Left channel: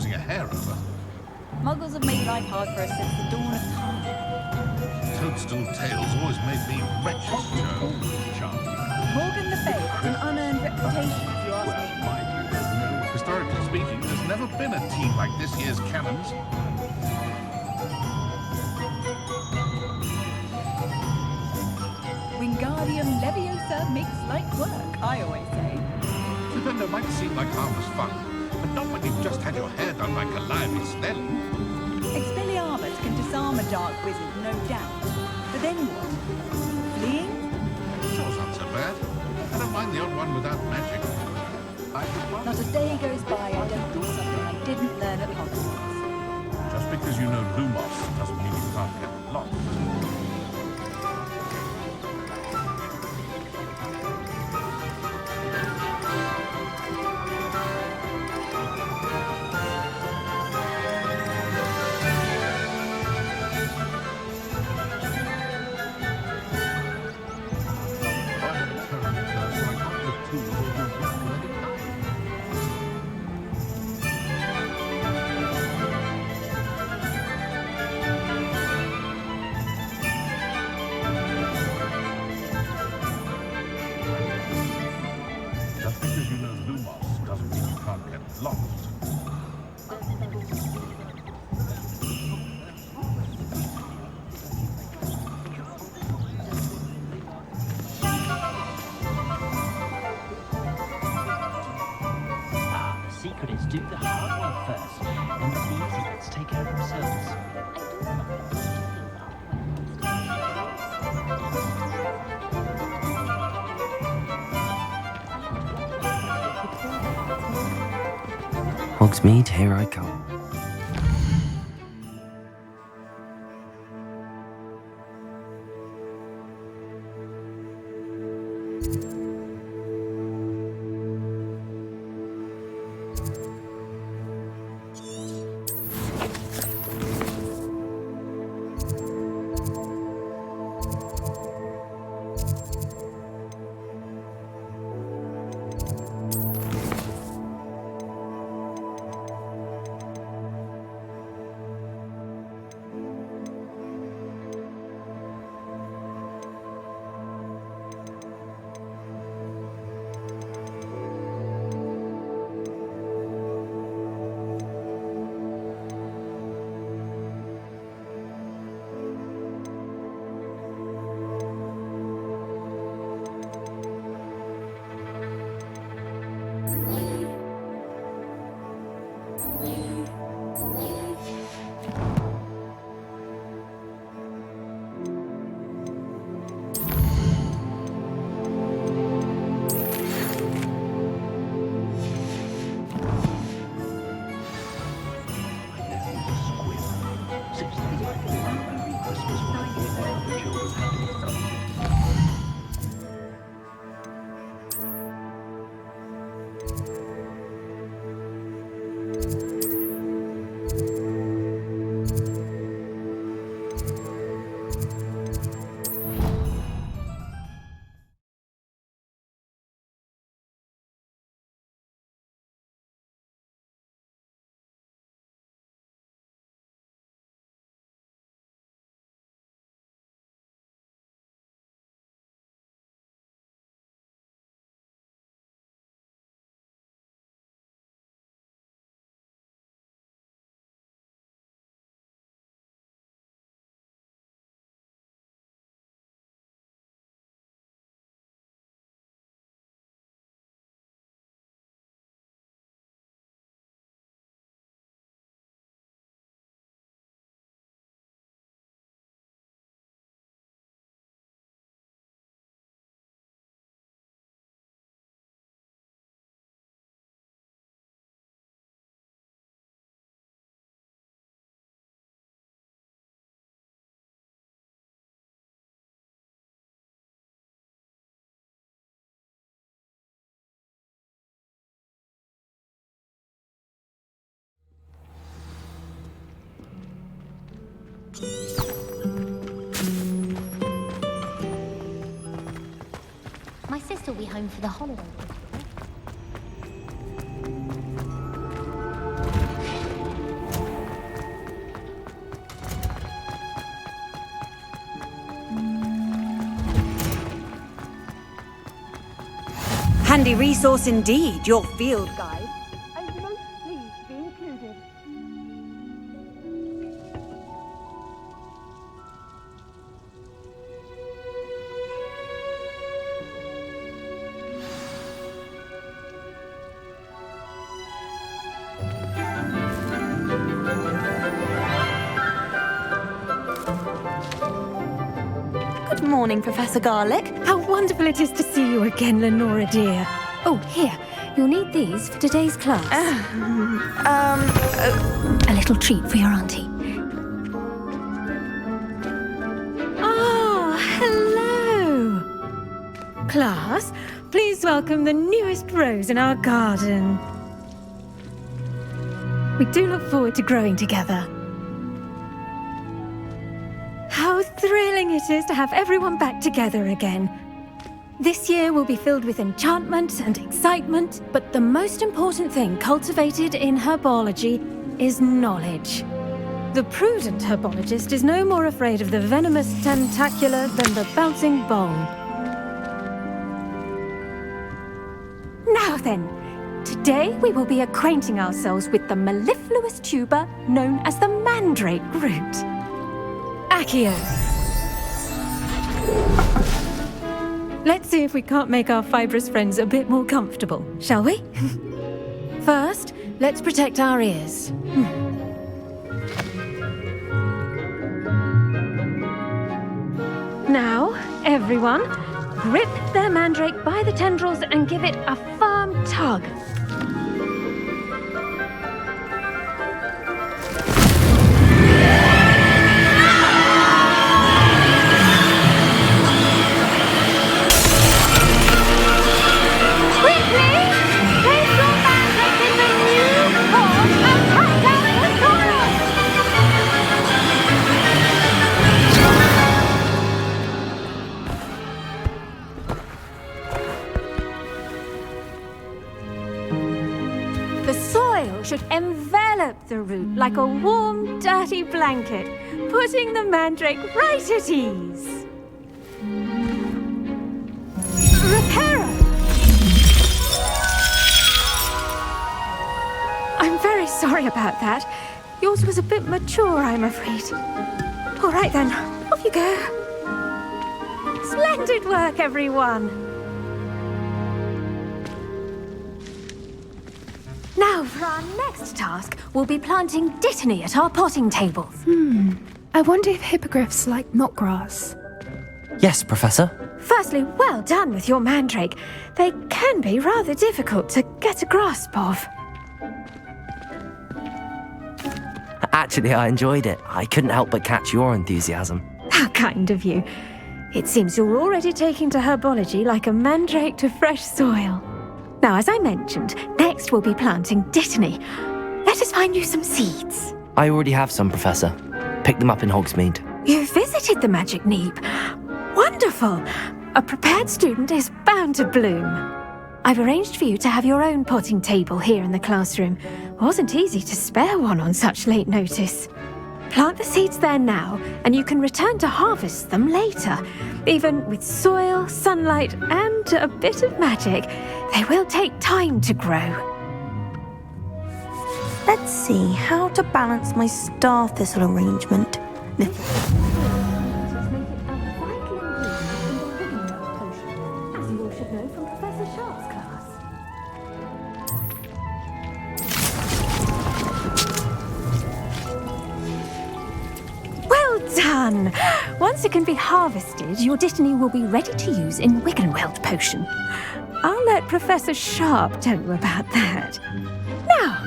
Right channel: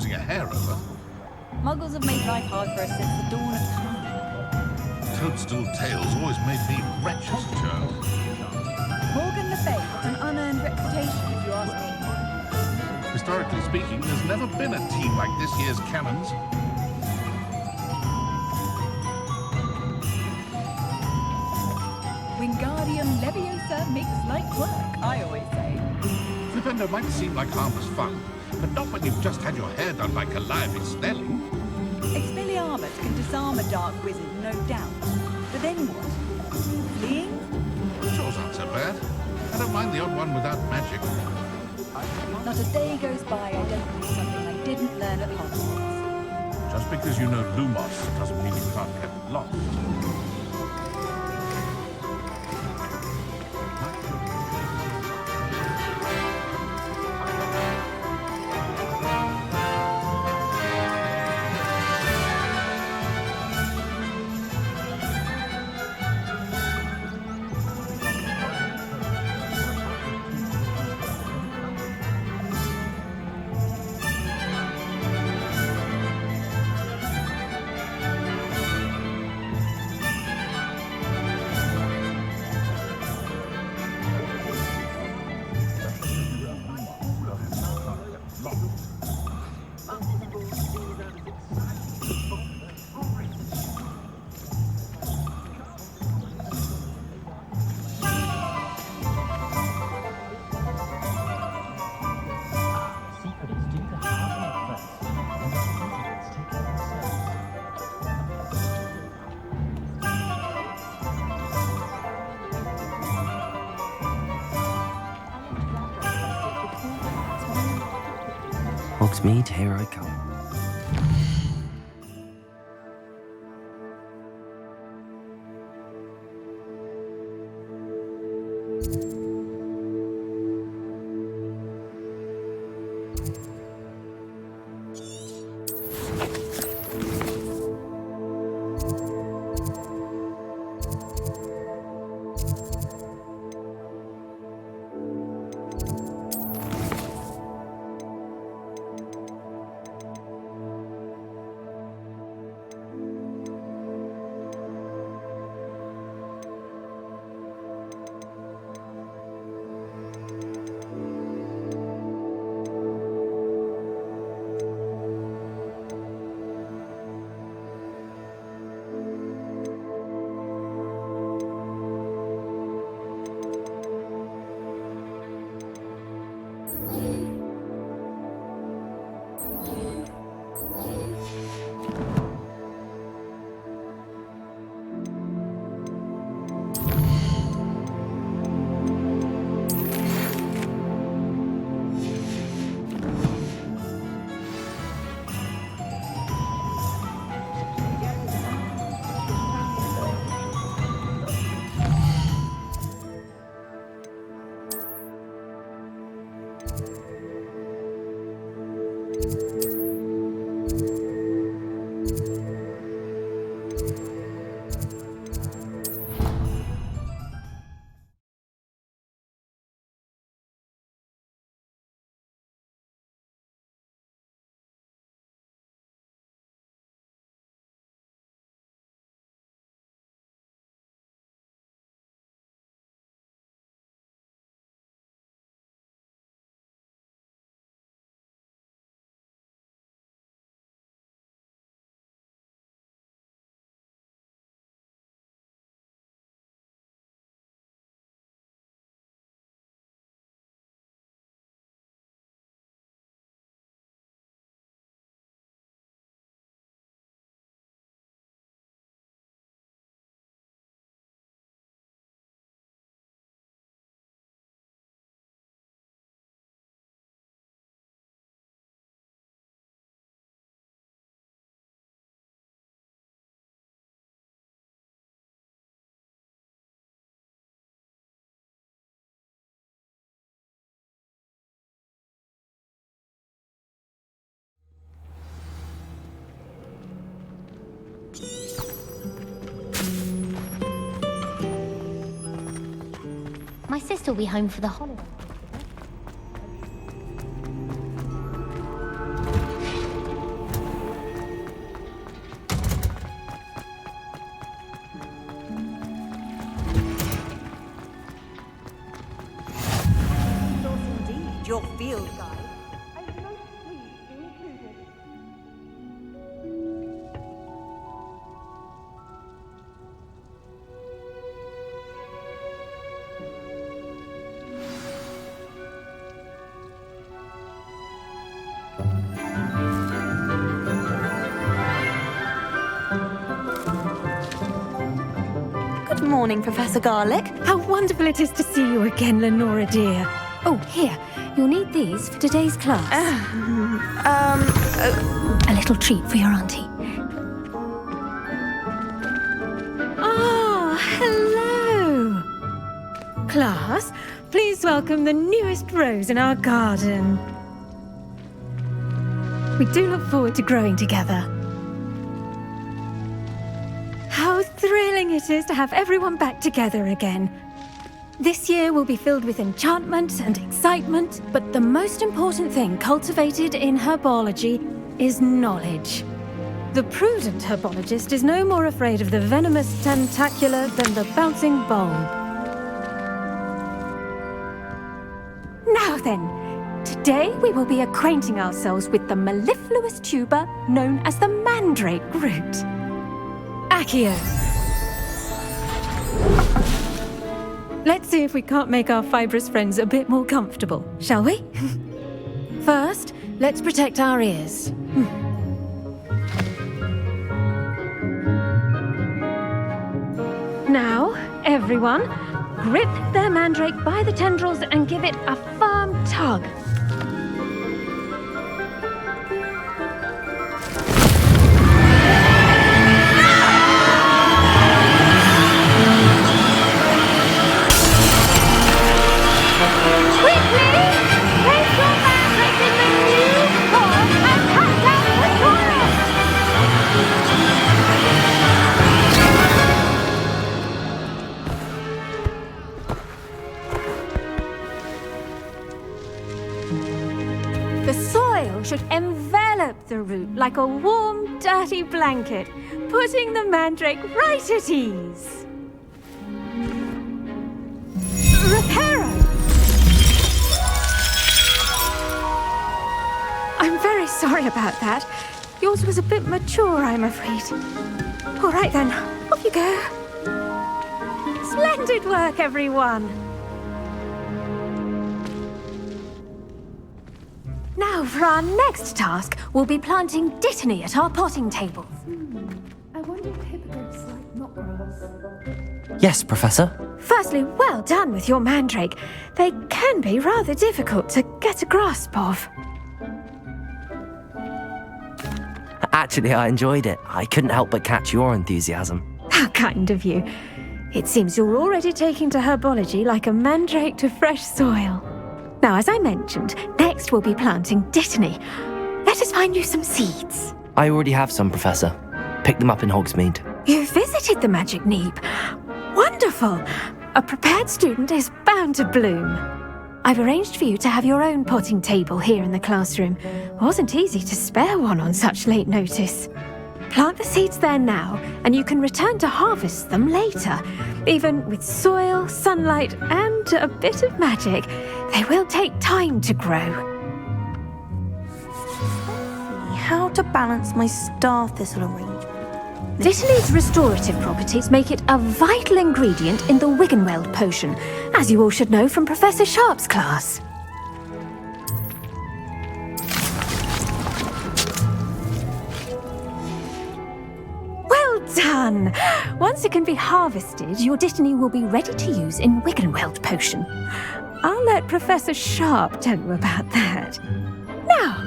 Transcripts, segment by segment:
losing a hair over. Muggles have made life hard for us since the dawn of time. Toadstool tales always made me wretched as a child. Morgan Le Fay has an unearned reputation, if you ask me. Historically speaking, there's never been a team like this year's Cannons. Wingardium Leviosa makes light work, I always say. Flipendo might seem like harmless fun, but not when you've just had your hair done by Calliope Snelling. Expelliarmus can disarm a dark wizard, no doubt. But then what? Fleeing? Jaws aren't so bad. I don't mind the odd one without magic. Not a day goes by I don't do something I didn't learn at Hogwarts. Just because you know Lumos doesn't mean you can't get lost. Do the hard one first, and the easy bits take care of themselves. Hogsmeade, here I come. My sister will be home for the holidays. handy resource indeed, your field guide. I'm most pleased to be included. Good morning, Professor Garlick. How wonderful it is to see you again, Lenora dear. Oh, here. You'll need these for today's class. A little treat for your auntie. Ah, hello. Class, please welcome the newest rose in our garden. We do look forward to growing together. How thrilling it is to have everyone back together again. This year will be filled with enchantment and excitement, but the most important thing cultivated in herbology is knowledge. The prudent herbologist is no more afraid of the venomous tentacular than the bouncing bulb. Now then, today we will be acquainting ourselves with the mellifluous tuber known as the mandrake root. Accio. Let's see if we can't make our fibrous friends a bit more comfortable, shall we? First, let's protect our ears. Now, everyone, grip their mandrake by the tendrils and give it a firm tug. The soil should envelop the root like a warm, dirty blanket, putting the mandrake right at ease. Reparo! I'm very sorry about that. Yours was a bit mature, I'm afraid. All right then, off you go. Splendid work, everyone. Now, for our next task, we'll be planting dittany at our potting tables. I wonder if hippogriffs like knotgrass. Yes, Professor. Firstly, well done with your mandrake. They can be rather difficult to get a grasp of. Actually, I enjoyed it. I couldn't help but catch your enthusiasm. How kind of you. It seems you're already taking to herbology like a mandrake to fresh soil. Now, as I mentioned, next we'll be planting dittany. Let us find you some seeds. I already have some, Professor. Picked them up in Hogsmeade. You visited the Magic Neep. Wonderful! A prepared student is bound to bloom. I've arranged for you to have your own potting table here in the classroom. Wasn't easy to spare one on such late notice. Plant the seeds there now, and you can return to harvest them later. Even with soil, sunlight, and a bit of magic, they will take time to grow. Let's see how to balance my star thistle arrangement. Dittany's restorative properties make it a vital ingredient in the Wiggenweld potion, as you all should know from Professor Sharp's class. Well done! Once it can be harvested, your dittany will be ready to use in Wiggenweld potion. I'll let Professor Sharp tell you about that. Now,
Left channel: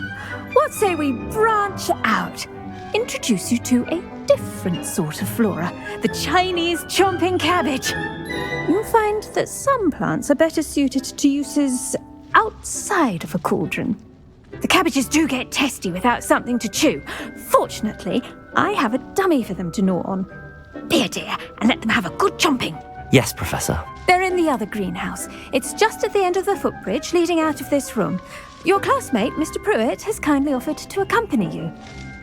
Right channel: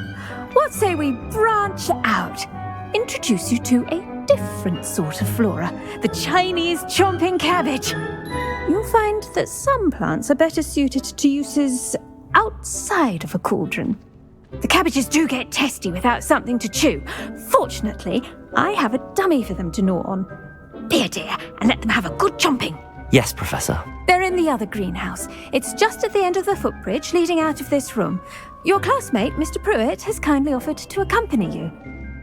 what say we branch out? Introduce you to a different sort of flora, the Chinese chomping cabbage. You'll find that some plants are better suited to uses outside of a cauldron. The cabbages do get testy without something to chew. Fortunately, I have a dummy for them to gnaw on. Here, dear, and let them have a good chomping. Yes, Professor. They're in the other greenhouse. It's just at the end of the footbridge leading out of this room. Your classmate, Mr. Pruitt, has kindly offered to accompany you.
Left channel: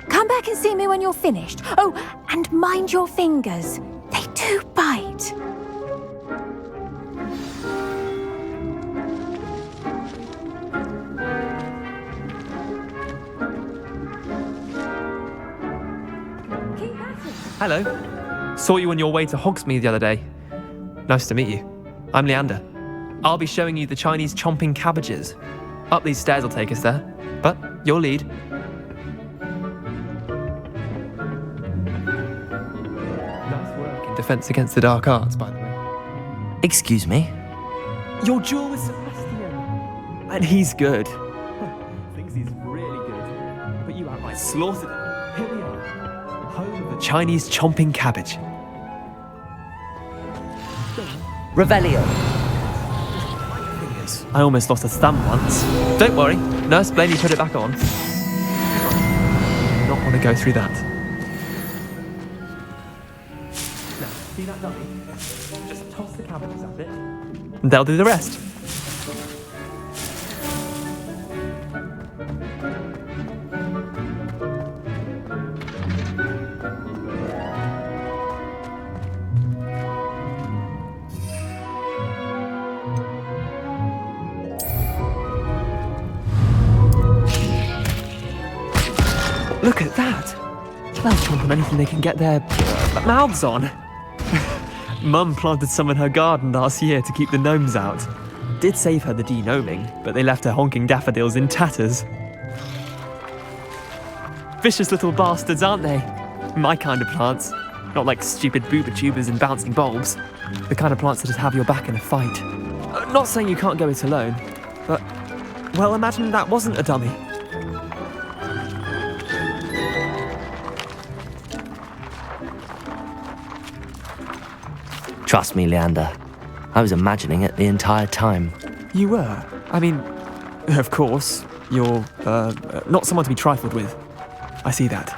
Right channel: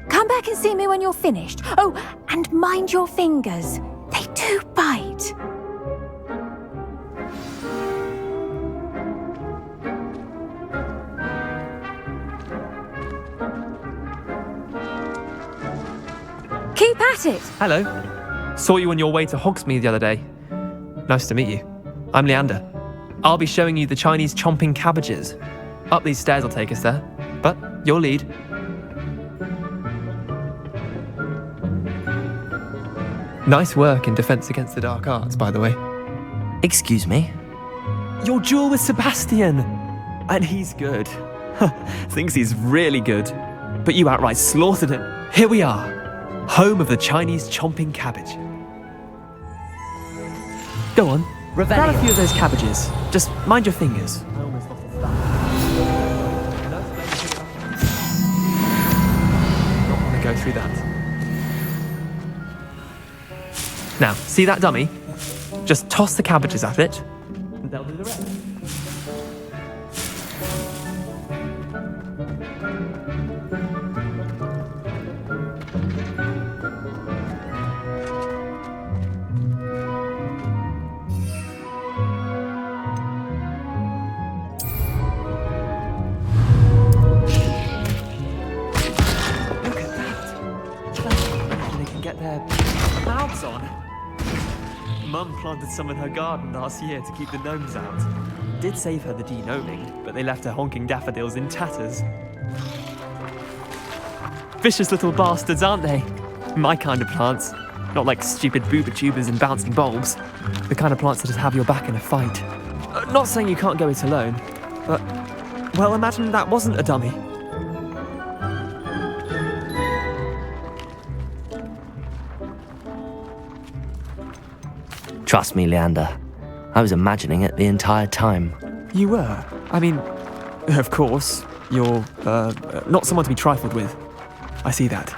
Come back and see me when you're finished. Oh, and mind your fingers. They do bite. Keep at it. Hello. Saw you on your way to Hogsmeade the other day. Nice to meet you. I'm Leander. I'll be showing you the Chinese chomping cabbages. Up these stairs will take us there, but you'll lead. Nice work in Defense Against the Dark Arts, by the way. Excuse me? Your duel with Sebastian! And he's good. Thinks he's really good. But you outright slaughtered him. Here we are, home of the Chinese chomping cabbage. Go on. Revelio. Grab a few of those cabbages. Just mind your fingers. I almost lost a thumb once. Don't worry. Nurse Blaney put it back on. Not want to go through that. Now, see that dummy? Just toss the cabbages at it, and they'll do the rest. Look at that! They'll chomp on anything they can get their mouths on. Mum planted some in her garden last year to keep the gnomes out. Did save her the de-gnoming, but they left her honking daffodils in tatters. Vicious little bastards, aren't they? My kind of plants. Not like stupid booba tubers and bouncing bulbs. The kind of plants that just have your back in a fight. Not saying you can't go it alone, but, well, imagine that wasn't a dummy. Trust me, Leander. I was imagining it the entire time. You were? I mean, of course, you're, not someone to be trifled with. I see that.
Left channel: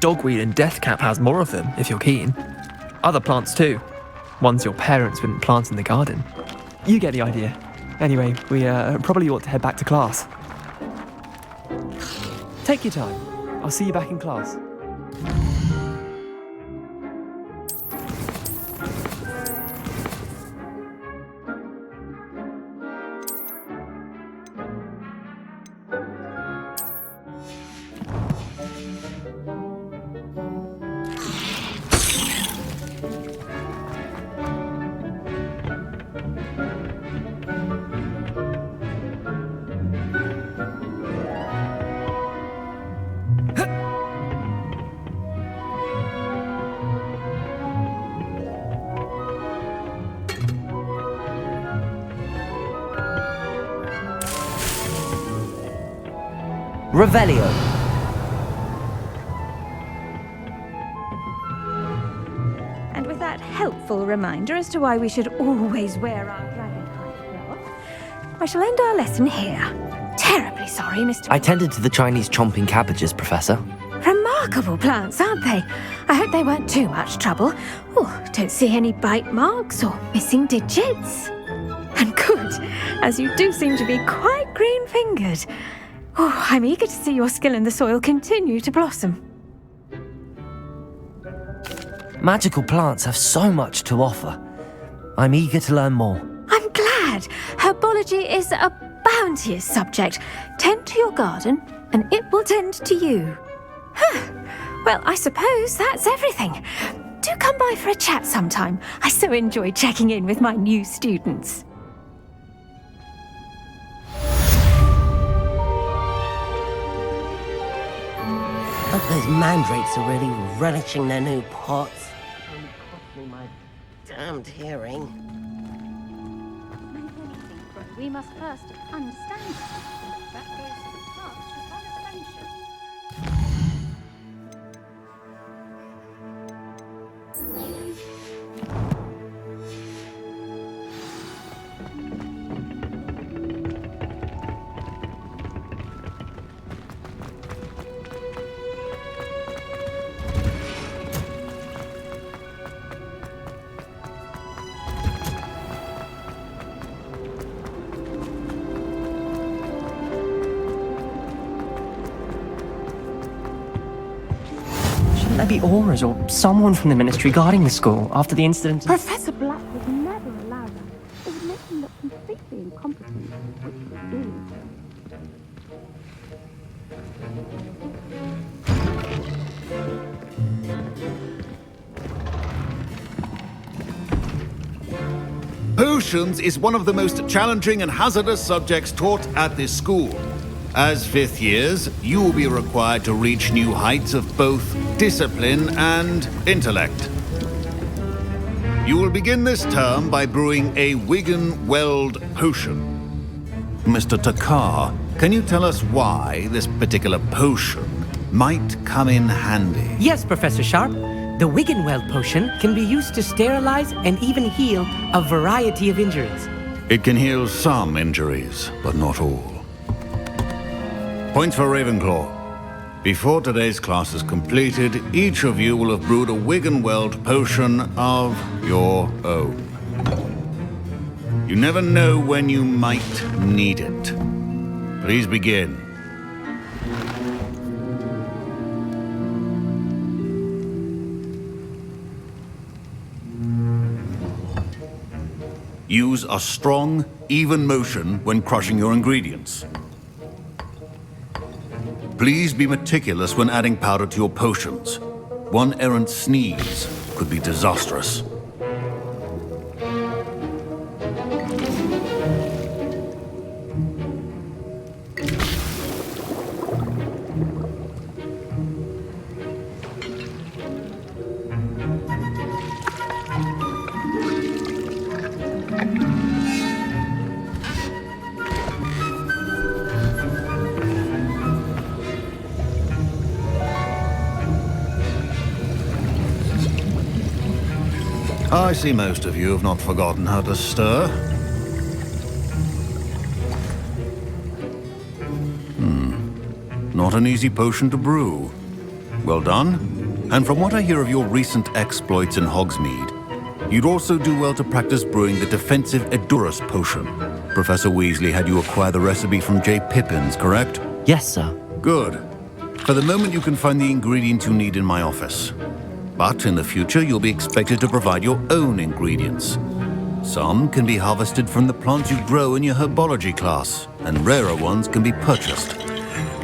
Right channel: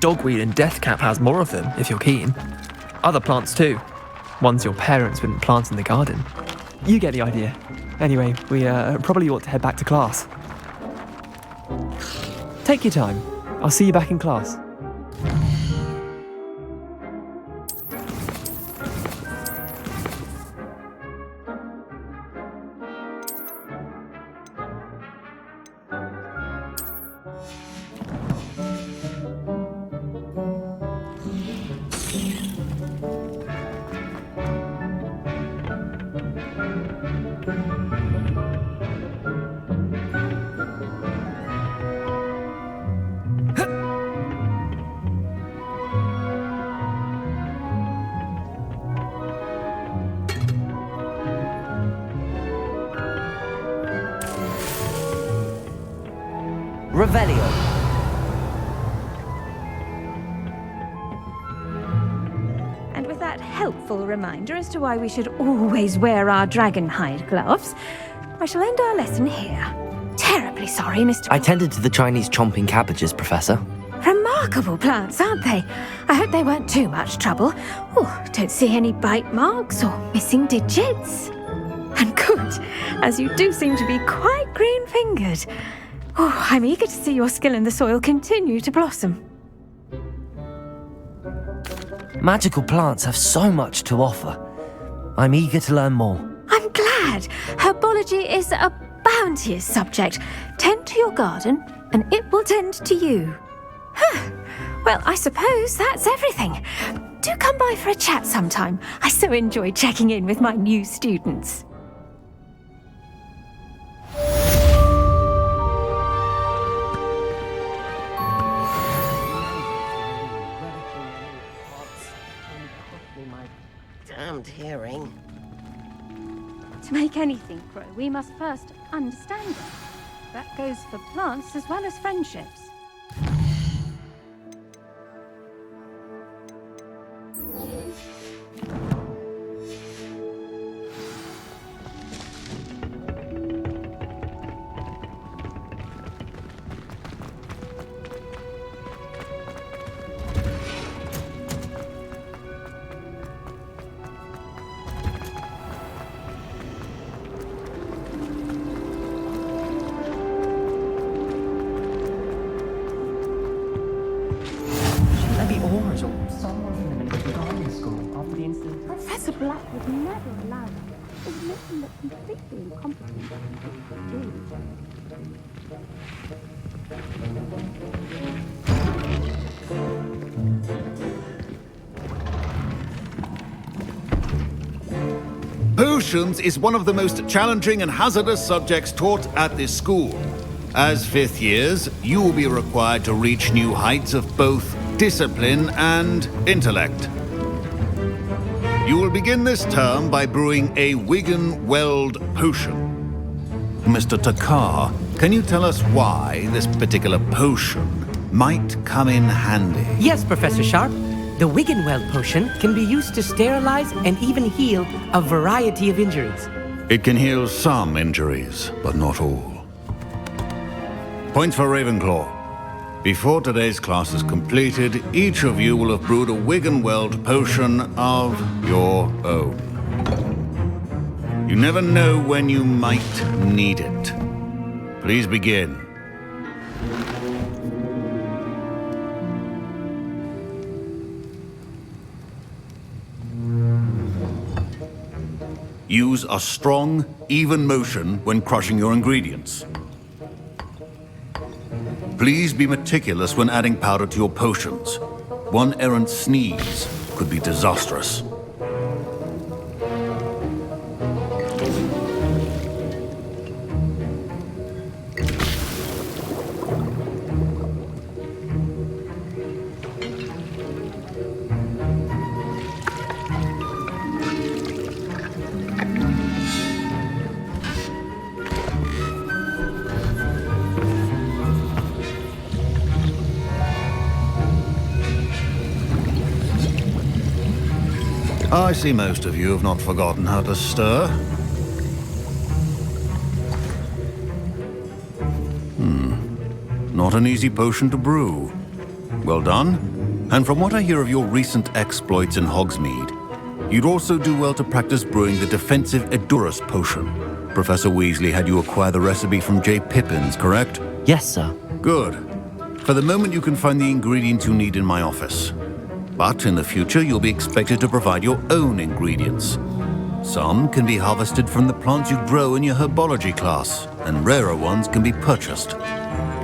Dogweed and deathcap has more of them, if you're keen. Other plants too. Ones your parents wouldn't plant in the garden. You get the idea. Anyway, we probably ought to head back to class. Take your time. I'll see you back in class. Revelio. And with that helpful reminder as to why we should always wear our dragon hide gloves, I shall end our lesson here. Terribly sorry, Mr. I tended to the Chinese chomping cabbages, Professor. Remarkable plants, aren't they? I hope they weren't too much trouble. Oh, don't see any bite marks or missing digits. And good, as you do seem to be quite green-fingered. Oh, I'm eager to see your skill in the soil continue to blossom. Magical plants have so much to offer. I'm eager to learn more. I'm glad. Herbology is a bounteous subject. Tend to your garden, and it will tend to you. Well, I suppose that's everything. Do come by for a chat sometime. I so enjoy checking in with my new students. Mandrakes are really relishing their new pots. Only cost me my damned hearing. To make anything grow, we must first understand it. That goes for plants as well as friendships. There be auras or someone from the ministry guarding the school after the incident. Professor Black would never allow that. It would make him look completely incompetent, which he is. Potions is one of the most challenging and hazardous subjects taught at this school. As fifth years, you will be required to reach new heights of both discipline and intellect. You will begin this term by brewing a Wiggenweld potion. Mr. Takar, can you tell us why this particular potion might come in handy? Yes, Professor Sharp. The Wiggenweld potion can be used to sterilize and even heal a variety of injuries. It can heal some injuries, but not all. Points for Ravenclaw. Before today's class is completed, each of you will have brewed a Wiggenweld potion of your own. You never know when you might need it. Please begin. Use a strong, even motion when crushing your ingredients. Please be meticulous when adding powder to your potions. One errant sneeze could be disastrous. I see most of you have not forgotten how to stir. Not an easy potion to brew. Well done. And from what I hear of your recent exploits in Hogsmeade, you'd also do well to practice brewing the defensive Edurus potion. Professor Weasley had you acquire the recipe from J. Pippins, correct? Yes, sir. Good. For the moment, you can find the ingredients you need in my office. But in the future, you'll be expected to provide your own ingredients. Some can be harvested from the plants you grow in your herbology class, and rarer ones can be purchased.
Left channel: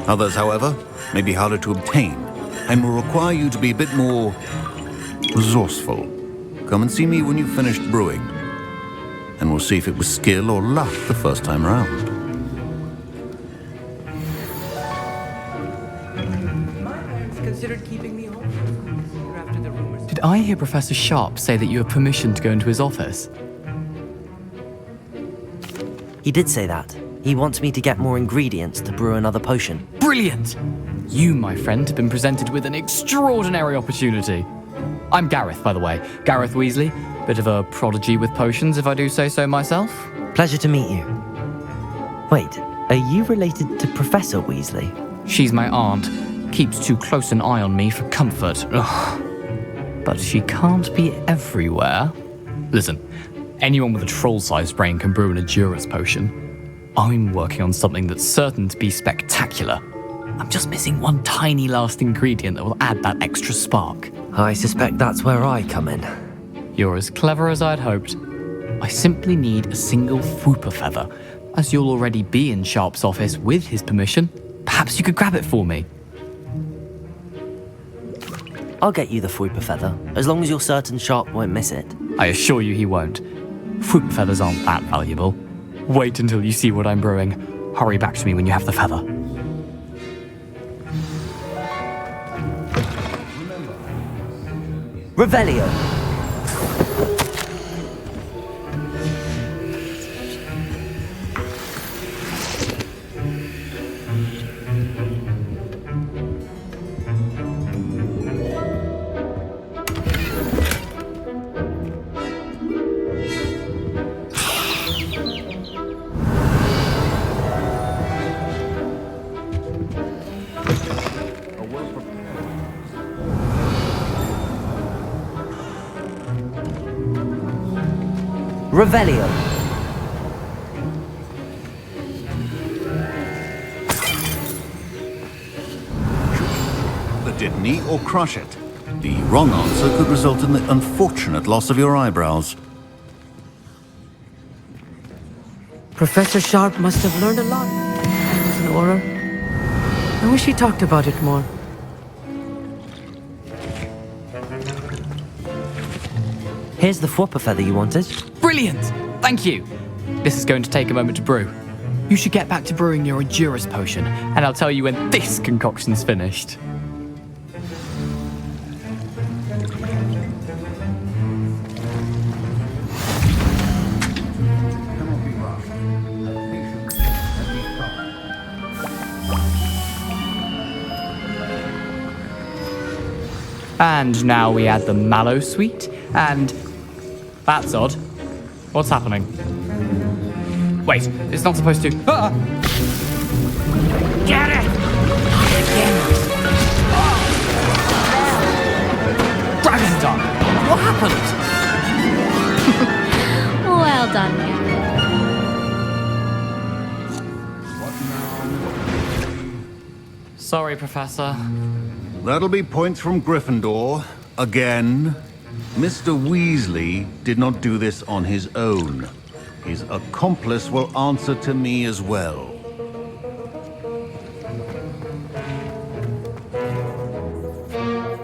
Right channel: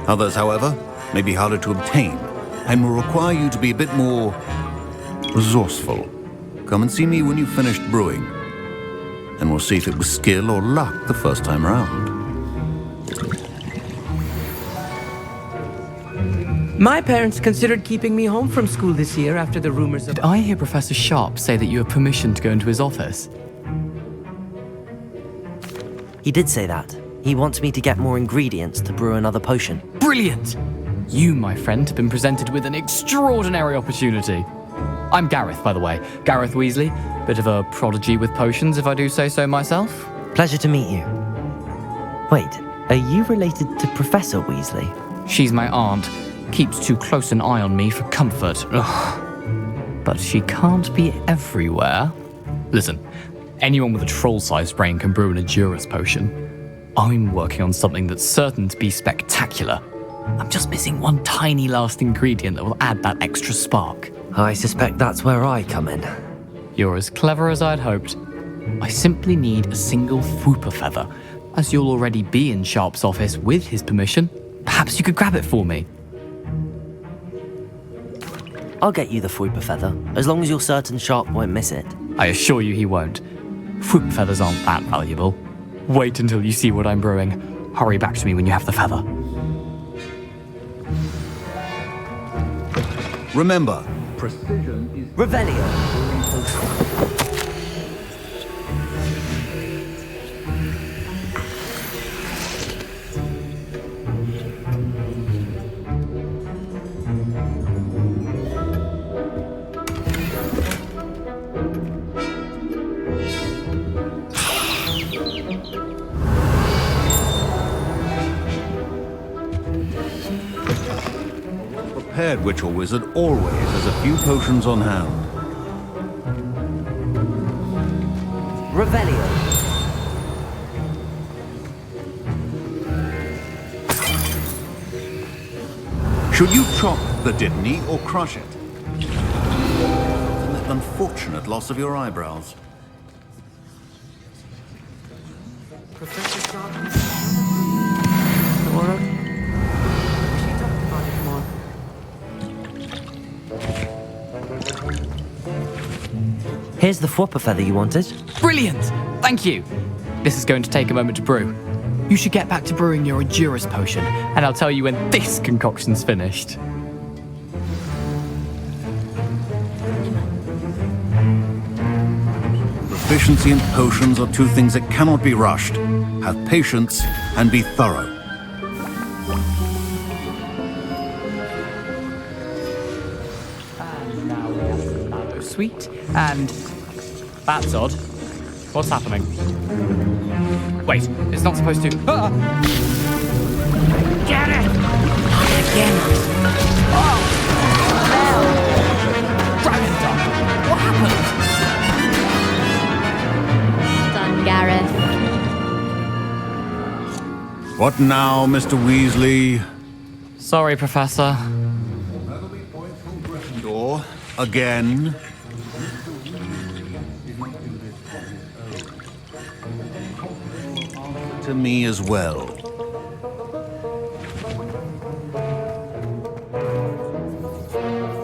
Others, however, may be harder to obtain, and will require you to be a bit more resourceful. Come and see me when you've finished brewing, and we'll see if it was skill or luck the first time round. My parents considered keeping me home from school this year after the rumors of... Did I hear Professor Sharp say that you have permission to go into his office? He did say that. He wants me to get more ingredients to brew another potion. Brilliant! You, my friend, have been presented with an extraordinary opportunity. I'm Gareth, by the way. Gareth Weasley. Bit of a prodigy with potions, if I do say so myself. Pleasure to meet you. Wait, are you related to Professor Weasley? She's my aunt. Keeps too close an eye on me for comfort. Ugh. But she can't be everywhere. Listen, anyone with a troll-sized brain can brew an Edurus potion. I'm working on something that's certain to be spectacular. I'm just missing one tiny last ingredient that will add that extra spark. I suspect that's where I come in. You're as clever as I'd hoped. I simply need a single Fwooper feather. As you'll already be in Sharp's office with his permission, perhaps you could grab it for me. I'll get you the Fwooper feather, as long as you're certain Sharp won't miss it. I assure you he won't. Fwooper feathers aren't that valuable. Wait until you see what I'm brewing. Hurry back to me when you have the feather. Remember, precision is... Revelio. Prepared witch or wizard always has a few potions on hand. Revelio. Should you chop the Dittany or crush it? The wrong answer could result in the unfortunate loss of your eyebrows. Professor Sharp must have learned a lot. It was an aura. I wish he talked about it more. Here's the Fwooper feather you wanted. Brilliant! Thank you. This is going to take a moment to brew. You should get back to brewing your Endurance potion, and I'll tell you when this concoction's finished. Proficiency and potions are two things that cannot be rushed. Have patience and be thorough. And now we add the mallow sweet, and... That's odd. What's happening? Wait, it's not supposed to... Ah! Get it! Again. Dragon Dog! What happened? Well done, Gareth. What now, Mr. Weasley? Sorry, Professor. That'll be points from Gryffindor. Again. Mr. Weasley did not do this on his own. His accomplice will answer to me as well.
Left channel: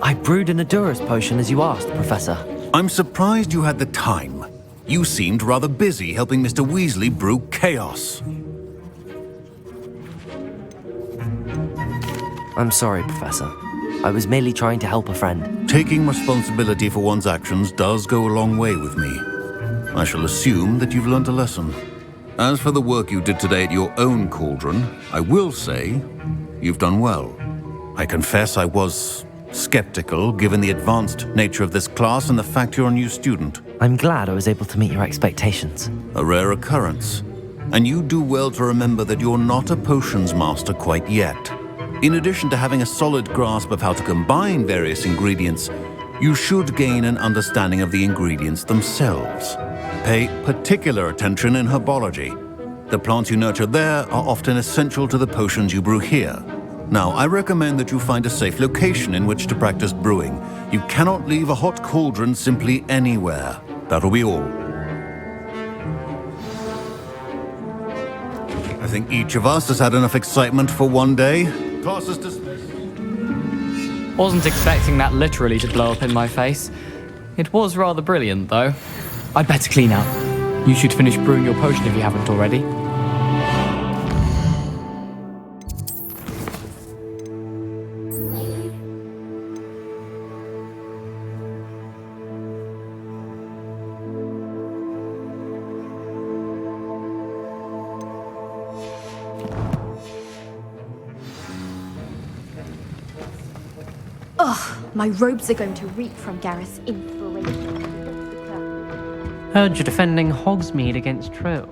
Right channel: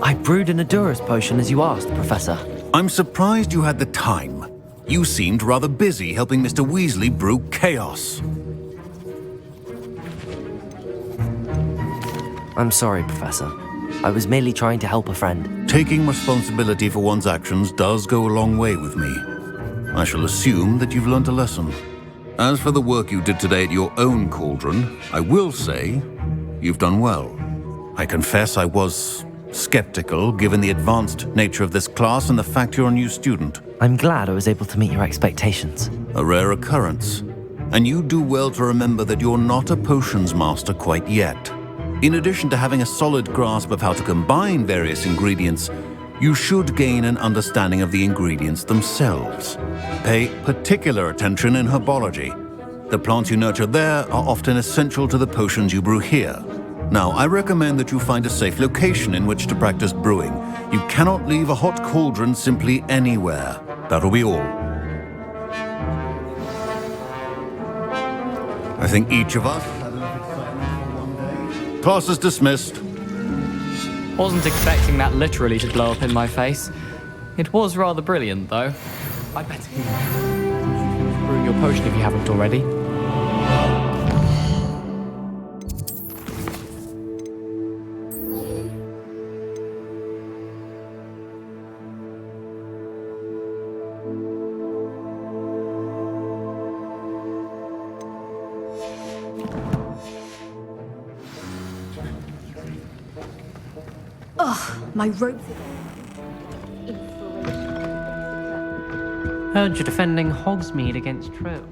I brewed an Endurance potion as you asked, Professor. I'm surprised you had the time. You seemed rather busy helping Mr. Weasley brew chaos. I'm sorry, Professor. I was merely trying to help a friend. Taking responsibility for one's actions does go a long way with me. I shall assume that you've learnt a lesson. As for the work you did today at your own cauldron, I will say you've done well. I confess I was skeptical, given the advanced nature of this class and the fact you're a new student. I'm glad I was able to meet your expectations. A rare occurrence. And you do well to remember that you're not a potions master quite yet. In addition to having a solid grasp of how to combine various ingredients, you should gain an understanding of the ingredients themselves. Pay particular attention in herbology. The plants you nurture there are often essential to the potions you brew here. Now, I recommend that you find a safe location in which to practice brewing. You cannot leave a hot cauldron simply anywhere. That'll be all. I think each of us has had enough excitement for one day. Class is dismissed. Wasn't expecting that literally to blow up in my face. It was rather brilliant, though. I'd better clean up. You should finish brewing your potion if you haven't already. Ugh, my robes are going to reek from Gareth's inspiration. Heard you're defending Hogsmeade against trolls.